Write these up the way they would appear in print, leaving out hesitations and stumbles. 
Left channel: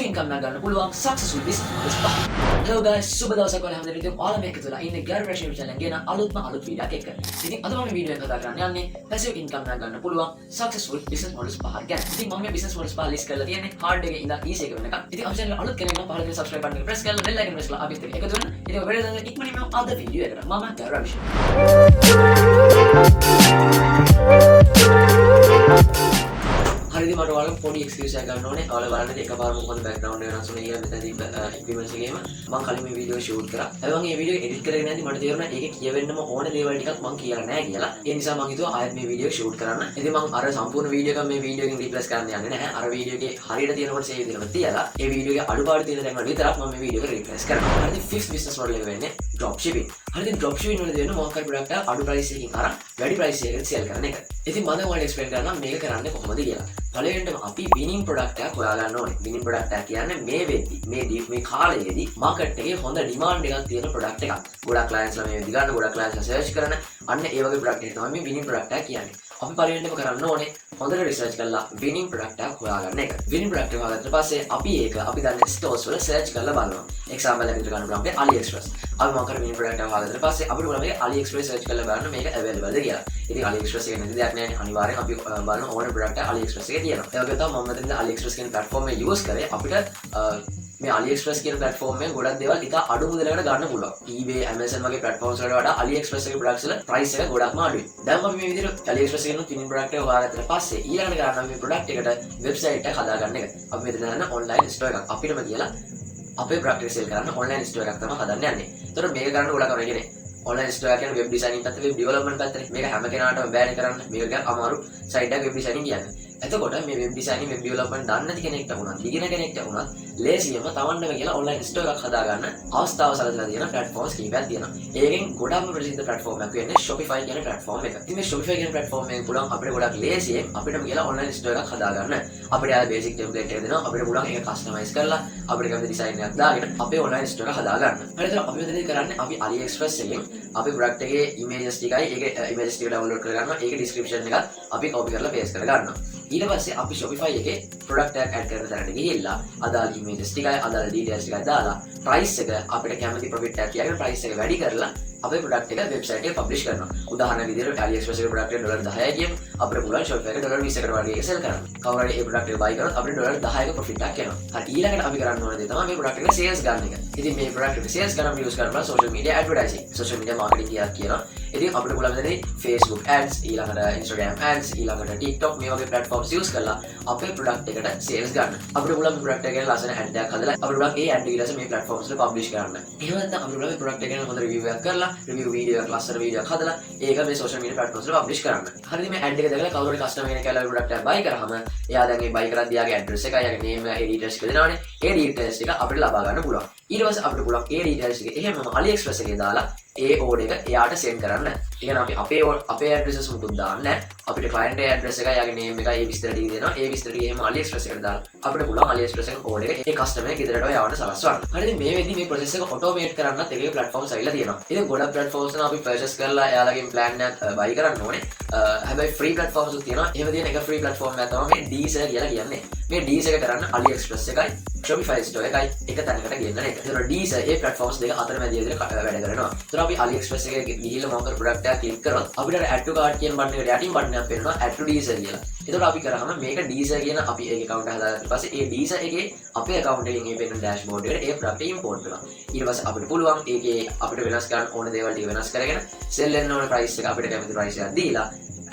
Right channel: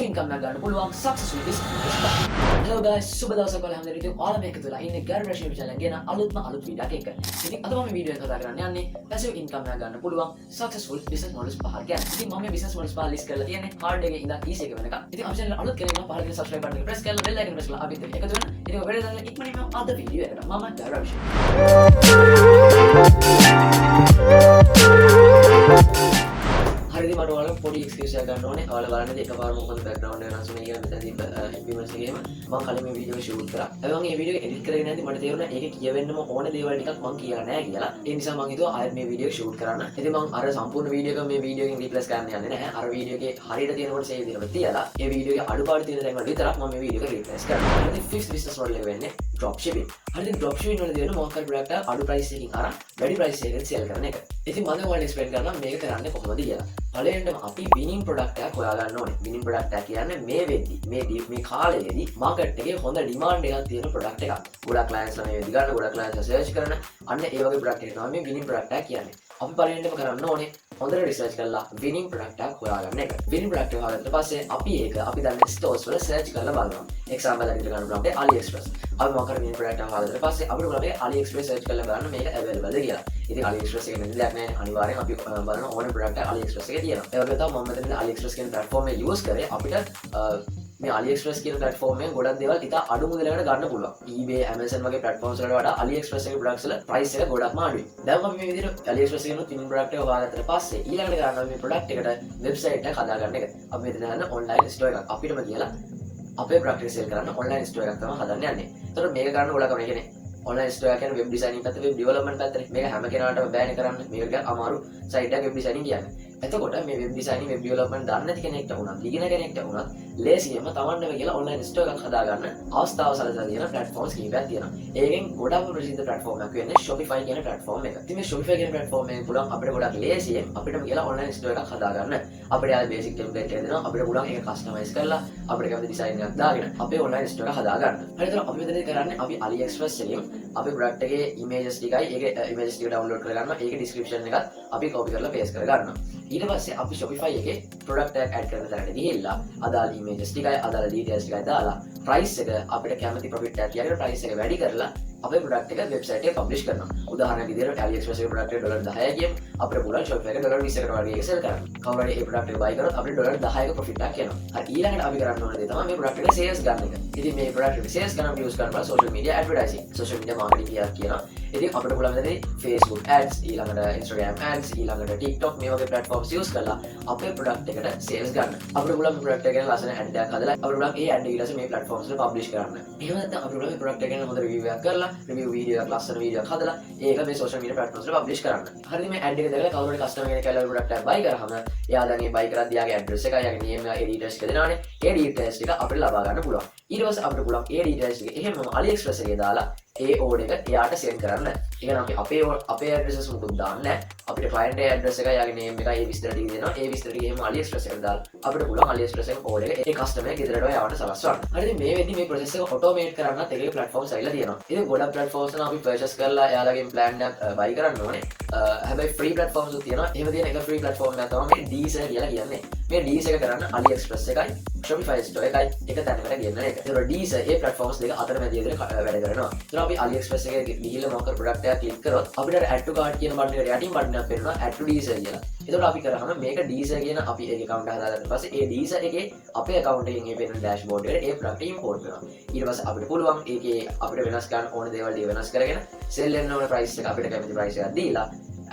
passive income එකක් ගන්න පුළුවන් successful business. Hello guys, සුබ දවසක් වල හැමදෙනාට ඉතින් ඔයාලා මේක තුළ ඉන්නේ Gayuru channel එක ගැන අලුත් වීඩියෝ එකක් එක්ක. ඉතින් අද මම වීඩියෝ එක කතා කරන්න යන්නේ passive income එකක් ගන්න පුළුවන් successful business models පහක් ගැන. ඉතින් මම මේ business models පහ list කරලා තියෙන්නේ hard එකේ ඉඳන් easy එක වෙනකම්. ඉතින් අපේ channel අලුත් කෙනෙක් නම් පහල තියෙන subscribe button එක press කරලා bell icon press කරලා අපිත් එක්ක එකතු වෙන්න. ඉතින් ඔය වීඩියෝ එක ඉක්මනින්ම අද වීඩියෝ එකට මම Gayuru Abhishek. හරිද මට ඔයාලා පොඩි එක්ස්කියුස් එකක් ගන්න ඕනේ. ඔයාලා බලන්න එකපාරම මොකද බෑග්ග්‍රවුන්ඩ් එක වෙනස් වෙන්නේ අපිට තිබ්බ ඉම්ප්ලිමන්ට්ස් එකේම මම කලින් මේ වීඩියෝ ෂූට් කරා. ඒ වගේ මේ වීඩියෝ එක එඩිට් කරගෙන නැති මට තේරුණා ඒකේ කියවෙන්නම ඕනේ දේවල් ටිකක් මම කියලා නැහැ කියලා. ඒ නිසා මම හිතුවා ආයෙත් මේ වීඩියෝ ෂූට් කරන්න. ඉතින් මම අර සම්පූර්ණ වීඩියෝ එක මේ වීඩියෝ එකෙන් රීප්ලේස් කරන්න යන්නේ නැහැ. අර වීඩියෝ එකේ හරියට තියෙන කොට සේව් කරලා තියලා ඒ වීඩියෝ එකේ අඩුපාඩු තියෙන දේ විතරක් මම මේ වීඩියෝ එක රීප්ලේස් කරනවා. හරිද fifth business model එක වෙන්නේ dropshipping. හරිද dropshipping වල තියෙන මොකක් හරි product එක අඩු price එකකින් අරන් වැඩි price එකකට sell කරන එක. ඉතින් මම ඔයාලට explain කරනවා මේක කරන්නේ කොහොමද කියලා. පළවෙනිටම අපි winning product එකක් හොයාගන්න ඕනේ. winning product එක කියන්නේ මේ වෙද්දි මේ කාලයේදී market එකේ හොඳ demand එකක් තියෙන product එකක්. ගොඩක් clients ලා මේ වෙද්දි ගන්න ගොඩක් clients ලා search කරන අන්න ඒ වගේ product එක තමයි මේ winning product එක කියන්නේ. අපි පළවෙනිටම කරන්න ඕනේ හොඳට research කරලා winning product එකක් හොයාගන්න එක. winning product එක හොයාගත්ත පස්සේ අපි දන්නේ stores වල search කරලා බලනවා. example එකකට ගන්න පුළුවන් අපේ AliExpress. අපි මොකක් හරි winning product එකක් හොයාගත්ත පස්සේ අපිට මොනවා මේ AliExpress search කරලා බලන්න මේක available ද කියලා. ඉතින් AliExpress එකේ නැති දෙයක් නෑනේ. අනිවාර්යෙන් අපි බලන ඕන product එක AliExpress එකේ තියෙනවා. ඒ වගේ තමයි මම මෙතන AliExpress කියන platform එක use කරේ අපිට මේ AliExpress කියන platform එකෙන් ගොඩක් දේවල් ඉතා අඩු මුදලකට ගන්න පුළුවන්. eBay, Amazon වගේ platforms වලට වඩා AliExpress එකේ products වල price එක ගොඩක්ම අඩුයි. දැන් අපි මේ විදිහට AliExpress එකෙන් winning product එක හොයාගත්තට පස්සේ ඊළඟට කරන්න මේ product එකට website එක හදාගන්න එක. අපි මෙතන ගන්න online store එකක් අපිටම කියලා අපේ product එක sell කරන්න online store එකක් තමයි හදන්න යන්නේ. ඒතකොට මේක කරන්න ගොඩක් අමාරු කියන්නේ online store එක කියන්නේ web designing පැත්තේ web development පැත්තේ මේක හැම කෙනාටම බෑනේ කරන්න. මේක කියන්නේ අමාරු site එකක් web designing කියන්නේ. එතකොට මේ web designing web development දන්නේ නැති කෙනෙක්ට වුණත් ඉගෙන කෙනෙක්ට වුණත් ලේසියෙන්ම තමන්ටම කියලා online store එකක් හදාගන්න අවස්ථාව සලසලා තියෙන platforms කීපයක් තියෙනවා. ඒකෙන් ගොඩක්ම ප්‍රසිද්ධ platform එකක් වෙන්නේ Shopify කියන platform එක. ඉතින් මේ Shopify කියන platform එකෙන් පුළුවන් අපිට ගොඩක් ලේසියෙන් අපිටම කියලා online store එකක් හදාගන්න. අපිට ආ basic template එක දෙනවා. අපිට පුළුවන් ඒක customize කරලා අපිට කැමති design එකක් දාගෙන අපේ online store එක හදාගන්න. හරිද? අපි මෙතන කරන්නේ අපි AliExpress එකෙන් අපේ product එකේ images ටිකයි ඒකේ images ටික download කරගන්නවා. ඒකේ description එකත් අපි copy කරලා paste කරගන්නවා. ඊට පස්සේ අපි Shopify එකේ product එක add කරන තැනට ගිහිල්ලා අදාළ images ටිකයි අදාළ details ටිකයි දාලා price එක අපිට කැමති profit එකක් තියාගෙන price එක වැඩි කරලා අපේ product එක website එකේ publish කරනවා. උදාහරණයක් විදිහට AliExpress එකේ product එක $10යි කියමු. අපිට පුළුවන් Shopify එකේ $20කට වගේ sell කරන්න. කවුරු හරි මේ product එක buy කරොත් අපිට $10ක profit එකක් එනවා. හරි ඊළඟට අපි කරන්න ඕන දේ තමයි මේ product එක sales ගන්න එක. ඉතින් මේ product එක sales ගන්න use කරලා social media advertising, social media marketing කියනවා. ඉතින් අපිට පුළුවන් මෙතන Facebook ads, ඊළඟට Instagram ads, ඊළඟට TikTok මේ වගේ platforms use කරලා අපේ product එකට sales ගන්න. අපිට පුළුවන් මේ product එක ගැන ලස්සන ad එකක් හදලා අපිට පුළුවන් ඒ ad ඊට පස්සේ මේ platforms වල publish කරන්න. එහෙම නැත්නම් අපිට පුළුවන් මේ product එක ගැන හොඳ review එකක් කරලා review video එකක් ලස්සන video එකක් හදලා ඒක මේ social media platforms වල publish කරන්න. හරිද මේ ad එක දැකලා කවුරු හරි customer කෙනෙක් කියලා product එක buy කරාම එයා දැන් ඒ buy කරද්දී යාගේ address එක, යාගේ name එක, ඒ details ටික දෙනවනේ. ඒ details ටික අපිට ලබා ගන්න පුළුවන්. ඊට පස්සේ අපිට පුළුවන් ඒ details ටික එහෙමම AliExpress එකේ දාලා ඒ order එක එයාට send කරන්න. ඒ කියන්නේ අපි අපේ addresses මුකුත් දාන්නේ නැහැ. අපිට client ගේ address එක, යාගේ name එක, ඒ විස්තර ටික දෙනවා. ඒ විස්තර ටික එහෙම AliExpress එකට දාලා අපිට පුළුවන් AliExpress එකේ order එක ඒ customer ගෙදරට යවන්න සලස්වන්න. හරිද මේ වෙද්දි මේ process එක automate කරන්නත් ඒකේ platforms ඇවිල්ලා තියෙනවා. ඉතින් ගොඩක් platforms නම් අපි purchase කරලා එයාලගෙන් plan එකක් buy කරන්න ඕනේ. හැබැයි free platforms උත් තියෙනවා. එහෙම තියෙන එක free platform එකක් තමයි මේ Deser කියලා කියන්නේ. මේ Deser එක කරන්න AliExpress එකයි Shopify store එකයි එක තැනකට ගෙන්නන එක. ඒතකොට Deser ඒ platforms දෙක අතරමැද විදිහට වැඩ කරනවා. ඒතර අපි AliExpress එකේ ගිහිල්ලා මොකක් product එකක් click කරොත් අපිට add to cart කියන බටන් එකට යටින් බටන් එකක් පෙන්නනවා add to Deser කියලා. ඒතකොට අපි කරාම මේක Deser කියන අපි ඒක account එක හදාගත්ත පස්සේ ඒ Deser එකේ අපේ account එකකින් මේ පෙන්නන dashboard එකට ඒ product import වෙනවා. ඊට පස්සේ අපිට පුළුවන් ඒකේ අපිට වෙනස් කරන්න ඕන දේවල් ටික වෙනස් කරගෙන sell වෙන්න ඕන price එක අපිට කැමති price එකක් දීලා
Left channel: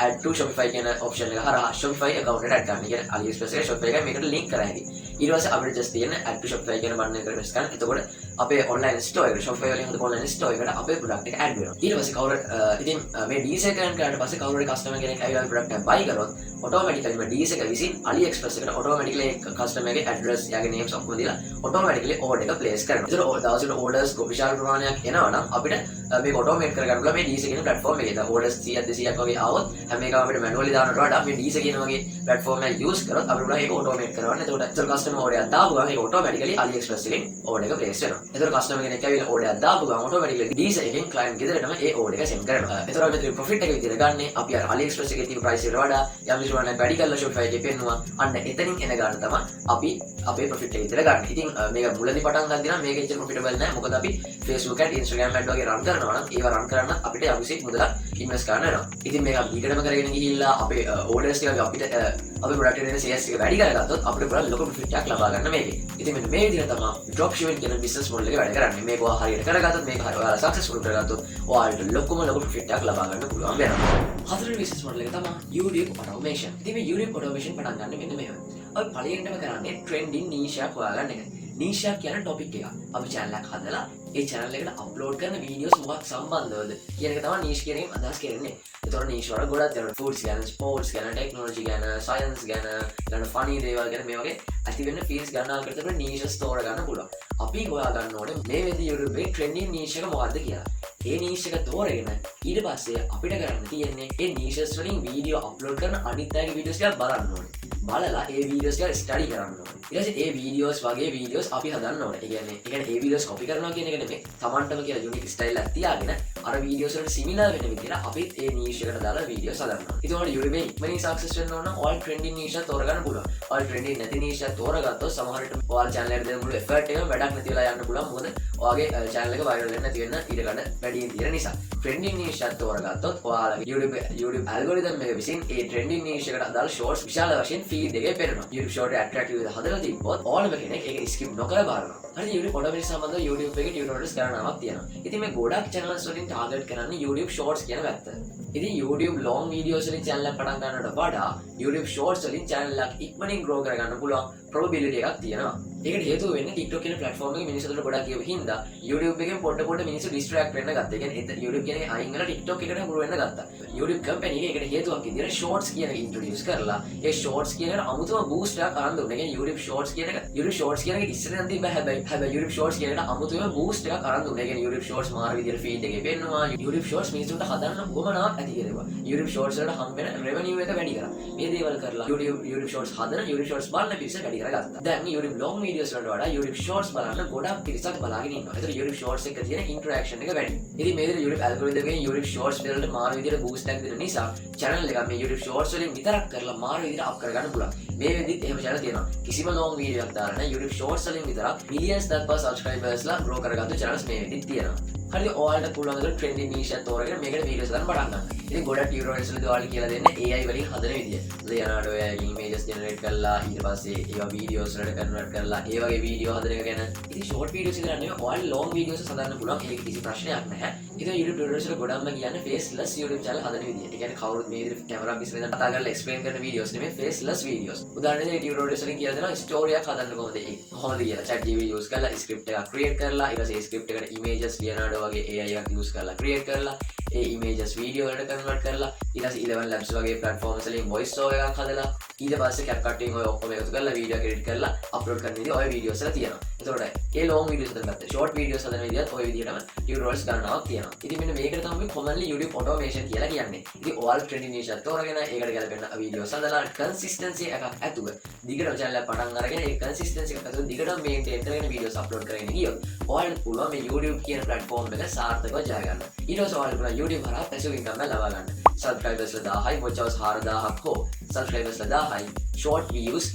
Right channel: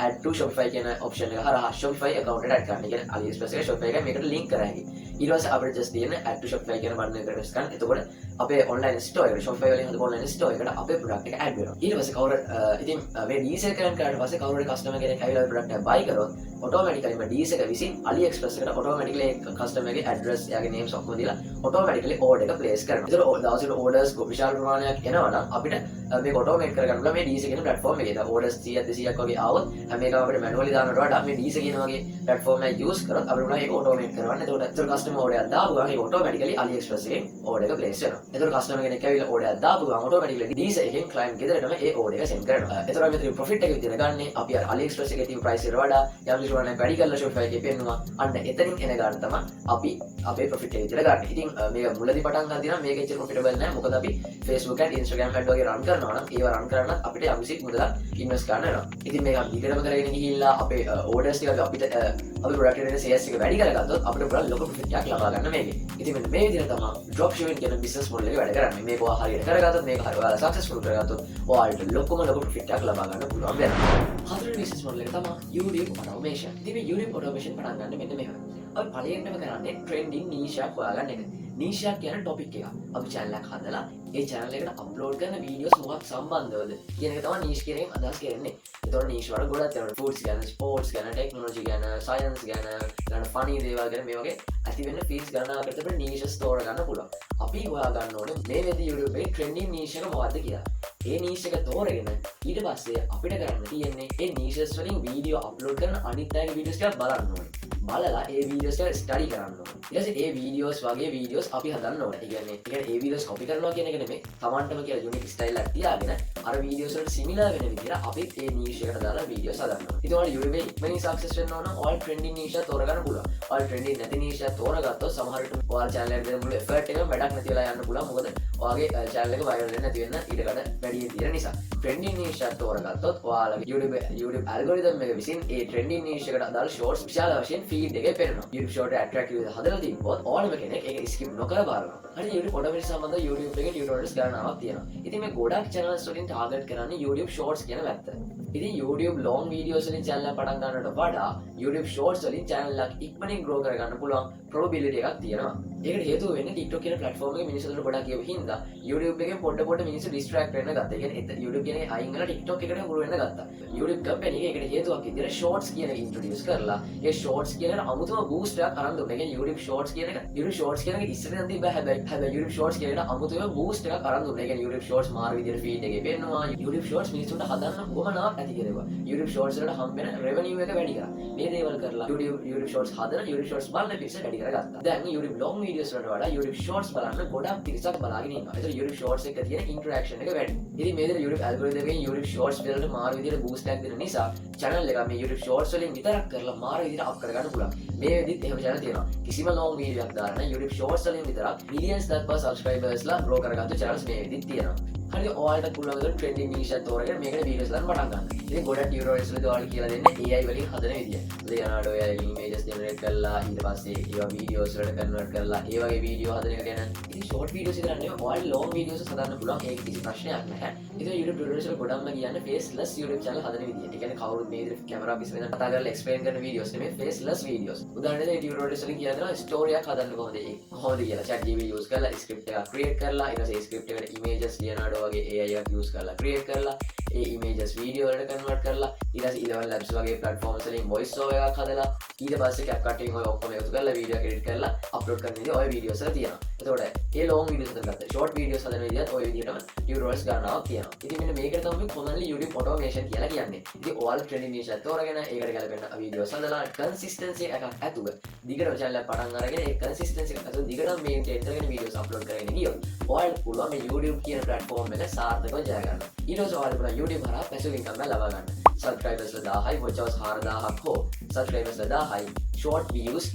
add to Shopify කියන option එක හරහා Shopify account එකට add කරන්න. ඒ කියන්නේ AliExpress එකේ Shopify එක මේකට link කරා හැකි. ඊට පස්සේ අපිට just තියෙන add to Shopify කියන බටන් එක press කරන්න. එතකොට අපේ online store එකට Shopify වලින් හදපු online store එකට අපේ product එක add වෙනවා. ඊට පස්සේ කවුරු ඉතින් මේ Deser කරන කාට පස්සේ කවුරු හරි customer කෙනෙක් ඇවිල්ලා මේ product එක buy කරොත් automatically මේ Deser එක විසින් AliExpress එකට automatically customer ගේ address, යාගේ names ඔක්කොම දීලා automatically order එක place කරනවා. ඒතර දවසට orders විශාල ප්‍රමාණයක් එනවා නම් අපිට මේක automate කරගන්න පුළුවන් මේ Deser කියන platform එකේ. දැන් orders 100ක් 200ක් වගේ ආවොත් හැම එකම අපිට manually දානවට වඩා මේ Deser කියන වගේ platform එක use කරොත් අපිට පුළුවන් ඒක automate කරන්න. එතකොට customer order එකක් දාපු ගමන් ඒක automatically AliExpress එකෙන් order එක place වෙනවා. එතකොට customer කෙනෙක් ඇවිල්ලා order එකක් දාපු ගමන් automatically Deser එකෙන් client ගෙදරටම ඒ order එක send කරනවා. එතකොට මෙතන profit එක විතර ගන්න අපි අර AliExpress එකේ තියෙන price එකට වඩා යම් වල වැඩි කරලා Shopify එකේ පෙන්නවා. අන්න එතනින් එන ගන්න තමයි අපි අපේ profit එක විතර ගන්න. ඉතින් මේක මුලදී පටන් ගන්න දිනා මේක එච්චර profitable නෑ. මොකද අපි Facebook and Instagram ad වගේ run කරනවා නම් ඒවා run කරන්න අපිට අවිසෙක් මුදලක් invest කරන්න වෙනවා. ඉතින් මේක ඊටම කරගෙන ගිහිල්ලා අපේ orders ටික අපිට අපේ product එකේ sales එක වැඩි කරගත්තොත් අපිට පුළුවන් ලොකු profit එකක් ලබා ගන්න මේකේ. ඉතින් මෙන්න මේ විදිහට තමයි dropshipping කියන business model එක වැඩ කරන්නේ. මේක හරියට කරගත්තොත් මේක හරියට successful කරගත්තොත් ඔයාලට ලොකු profit එකක් ලබා ගන්න පුළුවන් වෙනවා. හතරවෙනි business model එක තමයි YouTube automation. ඉතින් මේ YouTube automation පටන් ගන්න මෙන්න මෙහෙම. අපි පළවෙනිම කරන්නේ trending niche එකක් හොයාගන්න එක. niche එක කියන topic එක. අපි channel එකක් හදලා ඒ channel එකට upload කරන videos මොකක් සම්බන්ධවද කියන එක තමයි niche කියන එකෙන් අදහස් කරන්නේ. ඒතකොට niche වල ගොඩක් තියෙනවා foods ගැන, sports ගැන, technology ගැන, science ගැන, ඊළඟට funny දේවල් ගැන මේ වගේ ඇති වෙන්න fields ගණනාවකට අපිට niches තෝරා ගන්න පුළුවන්. අපි හොයා ගන්න ඕනේ මේ විදිහට YouTube එකේ trending niche එක මොකක්ද කියලා. ඒ niche එක තෝරගෙන ඊට පස්සේ අපිට කරන්න තියෙන්නේ ඒ niches වලින් වීඩියෝ අප්ලෝඩ් කරන අනිත් අයගේ වීඩියෝස් ටික බලන්න ඕනේ. බලලා ඒ වීඩියෝස් ටික ස්ටඩි කරන්න ඕනේ. ඊට පස්සේ ඒ වීඩියෝස් වගේ වීඩියෝස් අපි හදන්න ඕනේ. ඒ කියන්නේ ඒ වීඩියෝස් කොපි කරනවා කියන එක නෙමෙයි. Tamanටම කියලා යුනික් ස්ටයිල් එකක් තියාගෙන අර වීඩියෝස් වලට සිමිලර් වෙන විදිහට අපිත් ඒ niche එකට දාලා වීඩියෝස් හදන්න ඕනේ. ඒක උඩ YouTube එකේ ඉක්මනින් සක්සස් වෙන්න ඕන නම් all trending niche එක තෝරගන්න පුළුවන්. all trending නැති niche එක තෝරගත්තොත් සමහර විට ඔයාලා channel එකට දෙන මුළු effort එක වැඩක් නැති වෙලා යන්න පුළුවන්. මොකද ඔයාගේ channel එක viral වෙන්න නැති වෙන්න ඉඩ ගන්න වැඩි තියෙන නිසා. trending niche එක තෝරගත්තොත් ඔයාලගේ YouTube algorithm එක විසින් ඒ trending niche එකට අදාළ shorts විශාල වශයෙන් feed එකේ පෙන්නනවා. YouTube short attractive විදිහට හදලා තිබ්බොත් ඕනම කෙනෙක් ඒක skip නොකර බලනවා. හරි YouTube automation සම්බන්ධව YouTube එකේ tutorials ගණනාවක් තියෙනවා. ඉතින් මේ ගොඩක් channels වලින් target කරන්නේ YouTube shorts කියන පැත්ත. ඉතින් YouTube long videos වලින් channel එක පටන් ගන්නට වඩා YouTube shorts වලින් channel එක ඉක්මනින් grow කරගන්න පුළුවන් probability එකක් තියෙනවා. ඒකට හේතුව වෙන්නේ TikTok කියන platform එකේ මිනිස්සුන්ට ගොඩක් කියව හින්දා YouTube එකෙන් පොඩ මිනිස්සු distract වෙන්න ගත්තා. ඒ කියන්නේ YouTube කියන එක අයින් කරලා TikTok එකට grow වෙන්න ගත්තා. YouTube company එකේකට හේතුවක් විදිහට shorts කියන එක introduce කරලා ඒ shorts කියන එකට අමුතුම boost එකක් අරන් දුන්නා. ඒ කියන්නේ YouTube shorts කියන එක ඉස්සරහින් තිබ්බා හැබැයි YouTube shorts කියන එකට අමුතුම boost එකක් අරන් දුන්නා. ඒ කියන්නේ YouTube shorts මාර විදිහට feed එකේ පෙන්නවා. YouTube shorts මිනිස්සුන්ට හදන්න කොමනාවක් ඇති කියලා. YouTube shorts වලට හම් වෙන revenue එක වැඩි කරා. මේ දේවල් කරලා YouTube shorts හදන YouTube shorts බලන පිරිස වැඩි කරගත්තා. දැන් YouTube long videos වලට වඩා YouTube shorts බලන්න ගොඩක් පිරිසක් බලාගෙන ඉන්නවා. ඒතර YouTube shorts එක තියෙන interaction එක වැඩි. ඉතින් මේ විදිහට YouTube algorithm එකේ YouTube shorts වලට මාර විදිහට boost එකක් දෙන නිසා channel එක මේ YouTube shorts වලින් විතරක් කරලා මාර විදිහට up කරගන්න පුළුවන්. මේ වෙද්දිත් එහෙම channel තියෙනවා. කිසිම long video එකක් දාන්න YouTube shorts වලින් විතරක් millions දක්වා subscribers ලා grow කරගත්තු channels මේ වෙද්දිත් තියෙනවා. හරි ඔයාලට පුළුවන් දේ trending niche එක තෝරගෙන මේකට videos දාන්න පටන් ගන්න. ඉතින් ගොඩක් tutorials වලදී ඔයාලා කියලා දෙන්නේ AI වලින් හදන විදිය. Leonardo AI images generate කරලා ඊට පස්සේ ඒවා videos වලට convert කරලා ඒ වගේ video හදන එක ගැන ඉතින් short videos එක ගන්න නෙවෙයි ඔයාලා long videos හදන්න පුළුවන්. ඒක කිසි ප්‍රශ්නයක් නැහැ. ඉතින් YouTube tutorials වල ගොඩක්ම කියන්නේ faceless YouTube channel හදන විදිය. ඒ කියන්නේ කවුරුත් මේ විදිහට camera පිස්සෙන් කතා කරලා explain කරන videos නෙවෙයි faceless videos. උදාහරණයක් ඒ tutorials වලින් කියලා දෙනවා story එකක් හදන්න කොහොමද කියලා. chat GPT use කරලා script එකක් create කරලා ඊට පස්සේ script එකට images Leonardo වගේ AI එකක් use කරලා create කරලා ඒ images video වලට convert කරලා ඊට පස්සේ ඊළඟ labs වගේ platforms වලින් voice over එකක් හදලා ඊට පස්සේ CapCut එකෙන් ඔය ඔක්කොම එකතු කරලා video edit කරලා upload කරන විදිහ ඔය videos එක තියෙනවා. එතකොට ඒ long videos එකකට short videos හදන විදිහත් ඔය විදිහටම tutorials ගන්නවා කියනවා. ඉතින් මෙන්න මේකට තමයි commonly YouTube automation කියලා කියන්නේ. ඉතින් ඔයාලා trending niche එක තෝරගෙන ඒකට ගැලපෙන videos හදලා consistency එකක් ඇතුව දිගටම channel එක පටන් අරගෙන ඒ consistency එක ඇතුව දිගටම maintain කරගෙන videos upload කරගෙන ගියොත් ඔයාලට පුළුවන් මේ YouTube කියන platform එක සාර්ථකව ජය ගන්න. ඊට පස්සේ ඔයාලට පුළුවන් YouTube හරහා passive income එක ලබා ගන්න. subscribers 1000යි watch hours 4000ක් හෝ subscribers 1000යි short views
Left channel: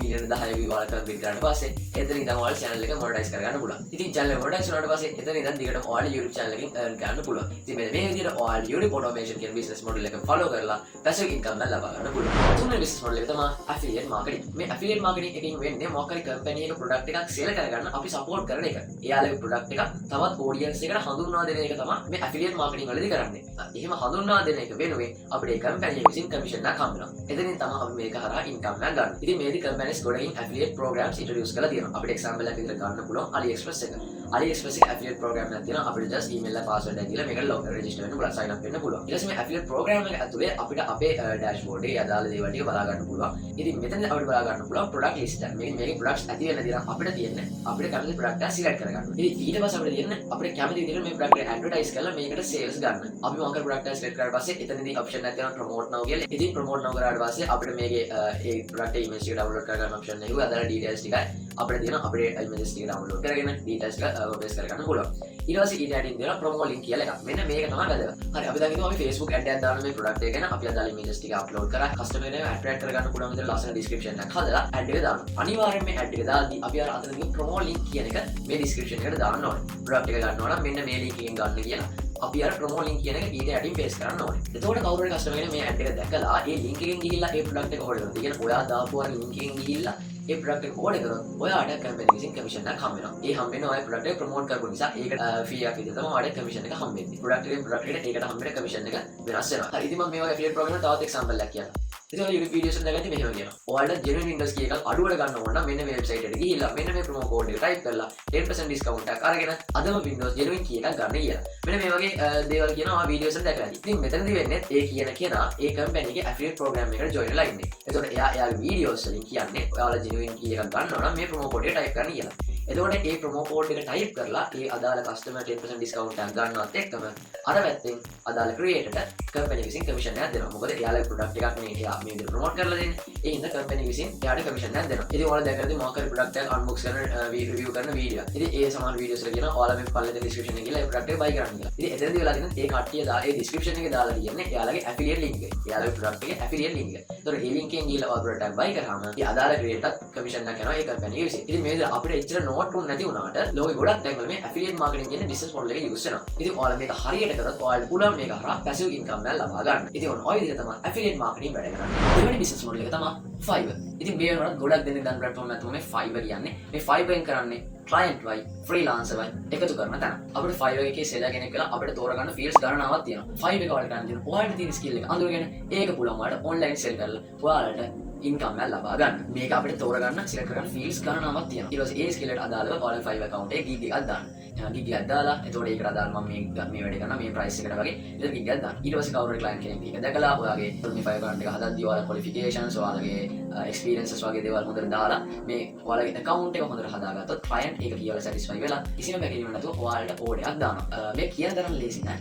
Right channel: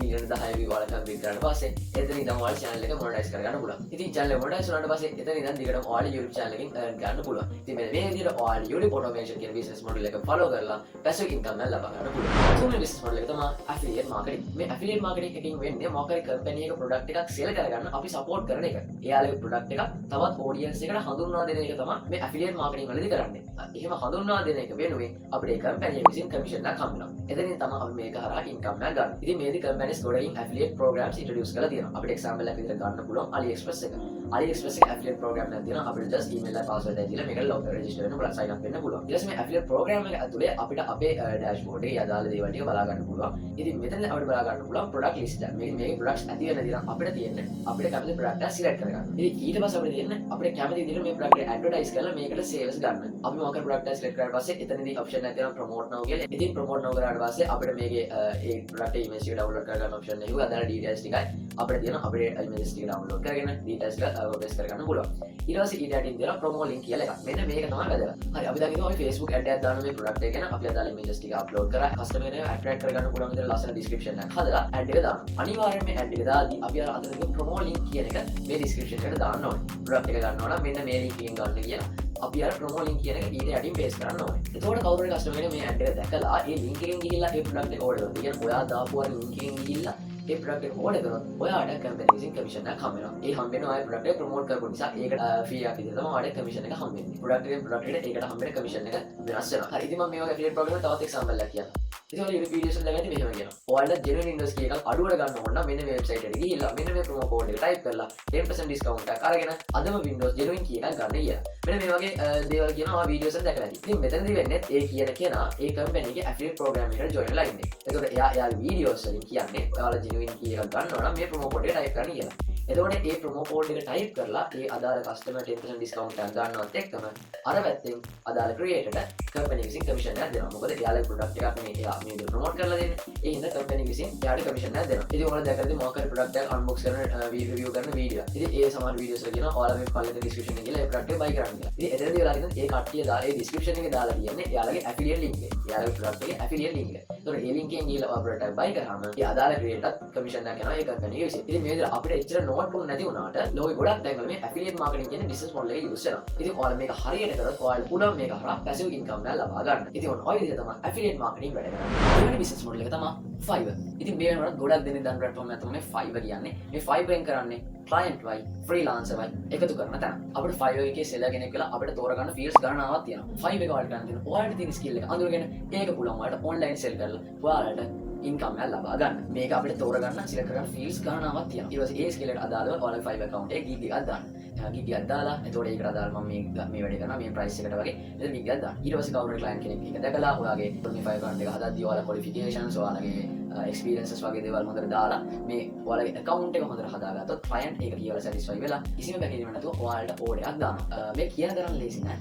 million 10 view වලට complete කරලා පස්සේ එතන ඉඳන් ඔයාලා channel එක monetize කරගන්න පුළුවන්. ඉතින් channel එක monetize වුණාට පස්සේ එතන ඉඳන් දිගටම ඔයාලා YouTube channel එකෙන් earn කරන්න පුළුවන්. ඉතින් මෙන්න මේ විදිහට ඔයාලා YouTube automation කියන business model එක follow කරලා passive income එක ලබා ගන්න පුළුවන්. තුන්වෙනි business model එක තමයි affiliate marketing. මේ affiliate marketing එකෙන් වෙන්නේ මොකක් හරි company එකක product එකක් sell කරගන්න අපි support කරන එක. එයාලගේ product එක තවත් audience එකට හඳුන්වා දෙන එක තමයි මේ affiliate marketing වලදී කරන්නේ. එහෙම හඳුන්වා දෙන එක වෙනුවෙන් අපිට ඒ company එක විසින් commission එකක් හම්බ වෙනවා. එතනින් තමයි අපි මේක හරහා income එකක් ගන්න. ඉතින් මේදී companies ගොඩකින් affiliate programs introduce කරලා තියෙනවා. අපිට example එකක් විතර ගන්න පුළුවන් AliExpress එක. AliExpress එක affiliate program එකක් තියෙනවා. අපිට just email එක password එක දීලා මේකට log register වෙන්න පුළුවන්, sign up වෙන්න පුළුවන්. ඊට පස්සේ මේ affiliate program එක ඇතුලේ අපිට අපේ dashboard එකේ අදාළ දේවල් ටික බලා ගන්න පුළුවන්. ඉතින් මෙතන අපිට බලා ගන්න පුළුවන් product list එක. මේකේ products ඇති වෙන දේ අපිට තියෙන්නේ අපිට කැමති product එක select කරගන්න. ඉතින් ඊට පස්සේ අපිට තියෙන්නේ අපිට කැමති විදිහට මේ product එක advertise කරලා මේකට sales ගන්න. අපි මොකක් හරි product එක select කරලා පස්සේ එතනදී option එකක් තියෙනවා promote now කියලා. ඉතින් promote now කරාට පස්සේ අපිට මේකේ ඒ product image එක download කරගන්න option එකක් අදාළ details ටිකයි අපිට තියෙන අපේ images ටික download කරගෙන details ටික paste කරගන්න පුළුවන්. ඊට පස්සේ ඊට යටින් දෙනවා promo link කියලා එකක්. මෙන්න මේක තමයි වැදගත්. හරි අපි දැන් අපි Facebook ad එකක් දාන මේ product එක ගැන අපි අදාළ images ටික upload කරලා customer එක attract කරගන්න පුළුවන් විදිහට ලස්සන description එකක් හදලා ad එක දානවා. අනිවාර්යයෙන් මේ ad එක දාද්දී අපි අර අතන තියෙන promo link කියන එක මේ description එකට දාන්න ඕනේ. product එක ගන්නවා නම් මෙන්න මේ link එකෙන් ගන්න කියලා. අපි අර promo link කියන එක ඊට යටින් paste කරන්න ඕනේ. එතකොට කවුරු හරි customer කෙනෙක් මේ ad එක දැකලා ඒ link එකෙන් ගිහිල්ලා ඒ product එක order කරනවා. කියන්නේ ඔයා දාපු අර link එකෙන් ගිහිල්ලා ඒ product එක order කරොත් ඔයාට company විසින් commission එකක් හම්බ වෙනවා. ඒ හම්බ වෙන ඔය product එක promote කරපු නිසා ඒකට fee එකක් විදිහට තමයි ඔයාට commission එක හම්බ වෙන්නේ. product එකට ඒකට හම්බ වෙන commission එක වෙනස් වෙනවා. හරි ඉතින් මම මේ වගේ affiliate program එක තවත් example එකක් කියන්නම්. ඉතින් ඔය YouTube videos එක දැකලා මෙහෙම කියනවා. ඔයාලට genuine industry එකක් අඩුවට ගන්න ඕන නම් මෙන්න මේ website එකට ගිහිල්ලා මෙන්න මේ promo code එක type කරලා 10% discount එකක් අරගෙන අදම Windows genuine key එකක් ගන්න කියලා. මෙන්න මේ වගේ දේවල් කියනවා videos එක දැකලා. ඉතින් මෙතනදී වෙන්නේ ඒ කියන කෙනා ඒ company එකේ affiliate program එකට join වෙලා ඉන්නේ. එතකොට එයාගේ videos වලින් කියන්නේ ඔයාලා genuine key එකක් ගන්නවා නම් මේ promo code එක type කරන්න කියලා. එතකොට මේ promo code එක type කරලා මේ අදාළ customer 10% discount එකක් ගන්නවත් එක්කම අර පැත්තෙන් අදාළ creator company විසින් commission එකක් දෙනවා. මොකද එයාලගේ product එකක් මේ එයා මේ විදිහට promote කරලා දෙන්නේ. ඒ හින්දා company විසින් එයාට commission එකක් දෙනවා. ඉතින් ඔයාලා දැකලා තියෙන මොකක් හරි product එකක් unbox කරන review කරන video. ඉතින් ඒ සමාන videos වල කියනවා ඔයාලා මේ පල්ලේ description එකේ කියලා ඒ product එක buy කරන්න කියලා. ඉතින් එතනදී වෙලා තියෙන ඒ කට්ටිය දාලා ඒ description එකේ දාලා කියන්නේ එයාලගේ affiliate link එක. එයාලගේ product එකේ affiliate link එක. ඒතකොට ඒ link එකෙන් ගිහලා ඔයා product එක buy කරාම ඒ අදාළ creator commission එකක් යනවා ඒ company එක විසින්. ඉතින් මේ විදිහට අපිට එච්චර note උන් නැති වුණාට ලෝකෙ ගොඩක් තැන්වල මේ affiliate marketing කියන business model එක use කරනවා. ඉතින් ඔයාලා මේක හරියට කරොත් ඔයාලට පුළුවන් මේක හරහා passive income එකක් ලබා ගන්න. ඉතින් ඔය විදිහට තමයි affiliate marketing වැඩ කරන්නේ. ඊළඟ business model එක තමයි Fiverr. ඉතින් මේ වෙනකොට ගොඩක් දෙනෙක් ගන්න platform එක තමයි Fiverr කියන්නේ. මේ Fiverr එක කරන්නේ client වයි freelancer වයි එකතු කරන තැන. අපිට Fiverr එකේ seller කෙනෙක් කියලා අපිට තෝරගන්න fields ගණනාවක් තියෙනවා. Fiverr එක ඔයාලට ගන්න තියෙනවා. ඔයාලට තියෙන skill එක අඳුරගෙන ඒක පුළුවන් ඔයාලට online sell කරලා ඔයාලට income එක ලබා ගන්න. මේක අපිට තෝරගන්න select කරගන්න fields ගණනාවක් තියෙනවා. ඊට පස්සේ ඒ skill එකට අදාළව ඔයාලගේ Fiverr account එකේ gig එකක් දාන්න. එහෙනම් gig එකක් දාලා එතකොට ඒකට අදාළව මම මේ වැඩේ කරනවා මේ price එකට වගේ එතන gig එකක් දාන්න. ඊට පස්සේ කවුරු හරි client කෙනෙක් මේක දැකලා ඔයාගේ මේ Fiverr account එක හදද්දී ඔයාලා qualifications ඔයාලගේ experiences වගේ දේවල් හොඳට දාලා මේ ඔයාලගේ account එක හොඳට හදාගත්තොත් client ඒක කියලා satisfy වෙලා කිසිම බැකීමක් නැතුව ඔයාලට order එකක් දානවා. මේ කියන තරම් ලේසි නෑ.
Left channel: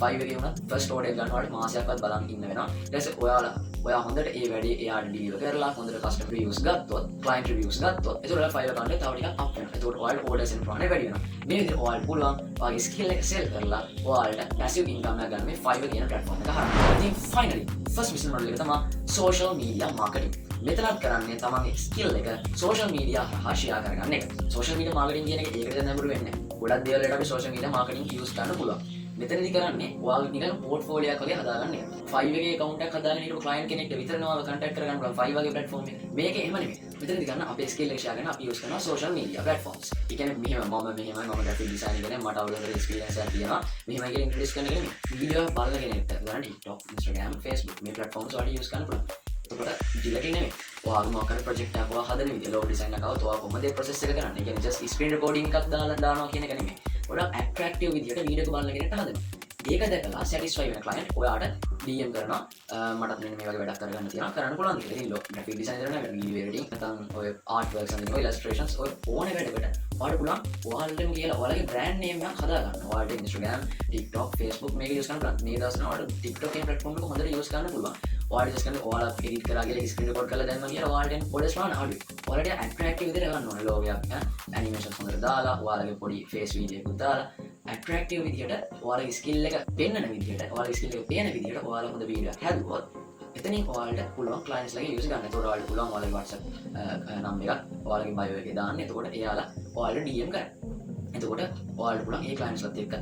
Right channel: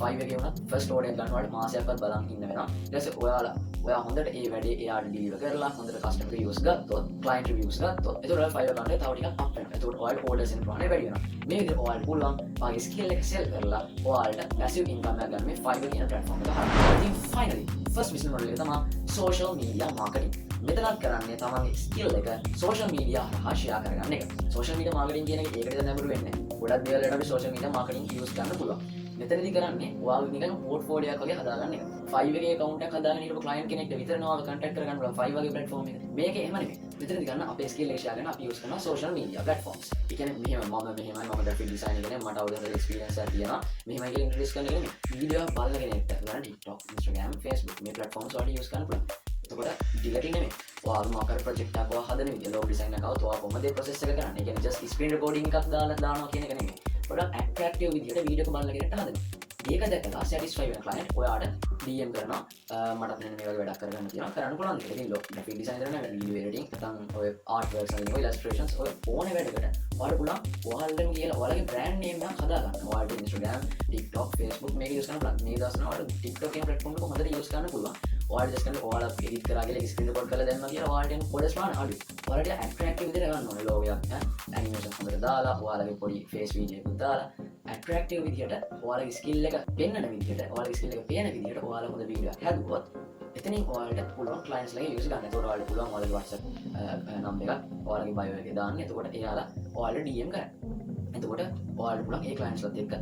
Fiverr එකේ වුණත් first order එක ගන්නකොට මාසයක්වත් බලන් ඉන්න වෙනවා. ඊට පස්සේ ඔයා හොඳට ඒ වැඩේ එයාට deliver කරලා හොඳට customer reviews ගත්තොත් client reviews ගත්තොත් ඒතකොට Fiverr account එක තව ටිකක් up වෙනවා. ඒතකොට ඔයාලට orders එන ප්‍රමාණය වැඩි වෙනවා. මේ විදිහට ඔයාලට පුළුවන් ඔයාගේ skill එක sell කරලා ඔයාලට passive income එකක් ගන්න මේ Fiverr කියන platform එක හරහා. ඉතින් finally first business model එක තමයි social media marketing. මෙතනත් කරන්නේ තමන්ගේ ස්කිල් එක social media හරහා share කරගන්න එක. social media marketing කියන එක ඒකට දැන් නඹුරු වෙන්නේ. ගොඩක් දේවල් වලට අපි social media marketing use කරන්න පුළුවන්. මෙතනදී කරන්නේ ඔයාගේ නිකන් portfolio එකක් වගේ හදාගන්න එක. Fiverr එකේ account එකක් හදාගෙන ඉන්නකොට client කෙනෙක්ට විතරම contact කරගන්න පුළුවන් Fiverr වගේ platform එක. මේක එහෙම නෙමෙයි. මෙතනදී ගන්න අපේ skill එක share කරන අපි use කරනවා social media platforms. ඒ කියන්නේ මම graphic design එකනේ මට අවුරුදු experience එකක් තියෙනවා. මෙහෙම කියලා introduce කරන එක නෙමෙයි. video එක බලලා ගන්න TikTok, Instagram, Facebook මේ platforms වලට use කරන්න පුළුවන්. එතකොට ඩිලෙටින් නෙමෙයි. ඔයාගේ මොකක් ප්‍රොජෙක්ට් එකක් ඔයා හදන විදිය ලෝගෝ ඩිසයින් එකක් આવුත් ඔයා කොහොමද ඒ process එක කරන්නේ? ඒ කියන්නේ just screen recording එකක් දානවා කියන එක නෙමෙයි. ගොඩක් attractive විදියට වීඩියෝ එක බලලා ගෙනට හදනවා. ඒක දැකලා satisfy වෙන client ඔයාට DM කරනවා මට මෙන්න මේ වගේ වැඩක් කරගන්න තියෙනවා කරන්න පුළුවන් කියලා. ඉතින් graphic design කරන video editing නැත්නම් ඔය art works and illustrations ඔය ඕනේ වැඩකට ඔයාලට පුළුවන් ඔයාලටම කියලා ඔයාලගේ brand name එකක් හදාගන්න. ඔයාලට Instagram, TikTok, Facebook මේක use කරන්න පුළුවන්. මේ දවස්වල ඔයාලට TikTok කියන platform එක හොඳට use කරන්න පුළුවන්. ඔයාලට just කරලා ඔයාලා edit කරලා ගිහලා screen record කරලා දැම්මම කියලා ඔයාලට පොඩස් වාන අඩුයි. ඔයාලට attractive විදිහට ගන්න ඕනේ logo එකක් animation හොඳට දාලා ඔයාලගේ පොඩි face video එකක් දාලා attractive විදිහට ඔයාලගේ skill එක පෙන්වන විදිහට ඔයාලගේ skill එක පේන විදිහට ඔයාලා හොඳ වීඩියෝ එකක් හැදුවොත් එතනින් ඔයාලට පුළුවන් clients ලගේ use ගන්න. ඒකට ඔයාලට පුළුවන් ඔයාලගේ WhatsApp number එක ඔයාලගේ bio එකේ දාන්න. එතකොට එයාලා ඔයාලට DM කරන්න. එතකොට ඔයාලට පුළුවන් ඒ clients ලත් එක්ක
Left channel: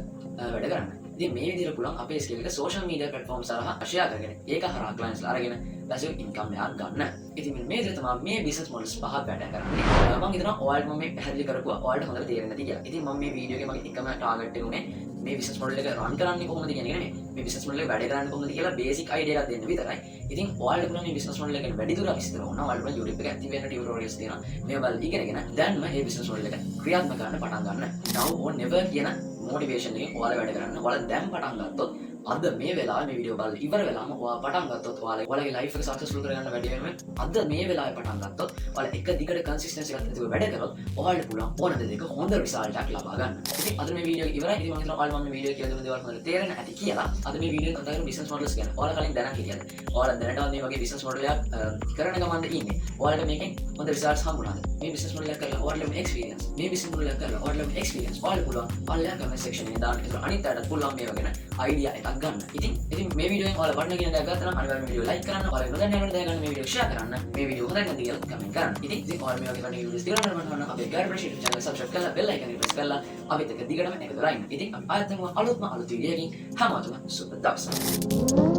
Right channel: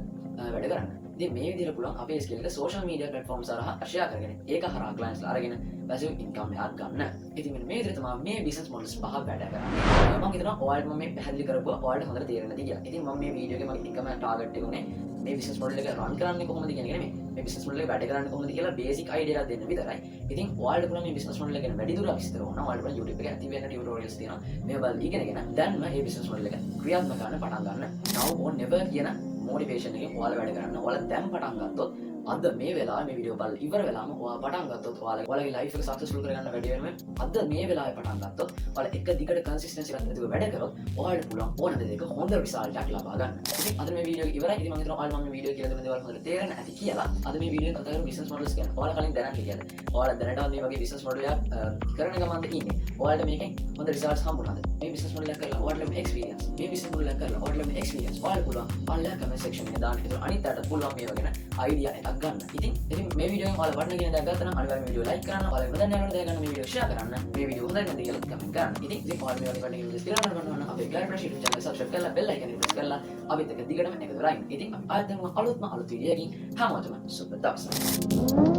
වැඩ කරන්න. ඉතින් මේ විදිහට පුළුවන් අපේ skill එක social media platforms හරහා share කරගෙන ඒක හරහා clients අරගෙන passive income එකක් ගන්න. ඉතින් මේ විදිහට තමයි මේ business models පහ වැඩ කරන්නේ. මම හිතනවා ඔයාලට මම මේ පැහැදිලි කරපුවා ඔයාලට හොඳට තේරෙන්න ඇති කියලා. ඉතින් මම මේ වීඩියෝ එකේ මගේ income target එක උනේ මේ business model එක run කරන්නේ කොහොමද කියන එක නෙමෙයි. මේ business model එක වැඩ කරන්නේ කොහොමද කියලා basic idea එකක් දෙන්න විතරයි. ඉතින් ඔයාලට පුළුවන් මේ business model එක වැඩි දුරක් විස්තර වුණා. ඔයාලට පුළුවන් YouTube එකේ active වෙන tutorials තියෙනවා. මේවා බලලා ඉගෙනගෙන දැන් මේ business model එක ක්‍රියාත්මක කරන්න පටන් ගන්න. now or never කියන motivation එකෙන් ඔයාලා වැඩ කරන්න. ඔයාලා දැන් පටන් ගත්තොත් අද මේ වෙලාවේ මේ වීඩියෝ බලලා ඉවර වෙලාම ඔයා පටන් ගත්තොත් ඔයාලගේ ලයිෆ් එක සක්සස්ෆුල් කරගන්න වැඩි වෙනවා. අද මේ වෙලාවේ පටන් ගත්තොත් ඔයාලා එක දිගට කන්සිස්ටන්සි එකක් නැතිව වැඩ කරොත් ඔයාලට පුළුවන් ඕන දෙයක හොඳ රිසල්ට් එකක් ලබා ගන්න. අද මේ වීඩියෝ ඉවරයි. ඉතින් මම හිතනවා ඔයාලා මම මේ වීඩියෝ කියලා දෙන දේවල් හොඳට තේරෙන්න ඇති කියලා. අද මේ වීඩියෝ කතා කරමු බිස්නස් මොඩල්ස් ගැන. ඔයාලා කලින් දැනන් හිටියද? ඔයාලා දැනටවත් මේ වගේ බිස්නස් මොඩල් එකක් කරන ගමන්ද ඉන්නේ. ඔයාලට මේකෙන් හොඳ රිසල්ට්ස් හම්බුණාද? මේ බිස්නස් මොඩල් එක කරලා ඔයාලට එක්ස්පීරියන්ස්. මේ බිස්නස් මොඩල් එක කරලා ඔයාලට එක්ස්පීරියන්ස්. ඔයාලා පුළුවන් ඔයාලා කමෙන්ට් සෙක්ෂන් එකේ දාන්න. ඒක අනිත් අයට පුළුවන් මේ වගේ අයිඩියා එකක් ගන්න. ඉතින් මේ වීඩියෝ එකෙන් ඔයාලා වඩන කියන දේ ගත්තා නම් අනිවාර්යයෙන් වීඩියෝ ලයික් කරන්න. ඔයාලා වෙන දැනගන්න දේ ගන්න මේ වීඩියෝ ෂෙයා කරන්න. මේ වීඩියෝ හොඳයි නැති කියලා කමෙන්ට් කරන්න. ඉතින් ඔයාලා මේ වගේ වඩන ඉන්වෙස්ට් කරන්න අපේ ගයිඩ් ප්‍රොෆෙෂනල් channel subscribe කරලා bell icon එක press කරලා අපිත් එක්ක දිගටම එකතු කරගන්න. ඉතින් අපි ආයෙත් අලුත්ම අලුත් වීඩියෝ එකකින් හැමෝටම සුබ දවසක්.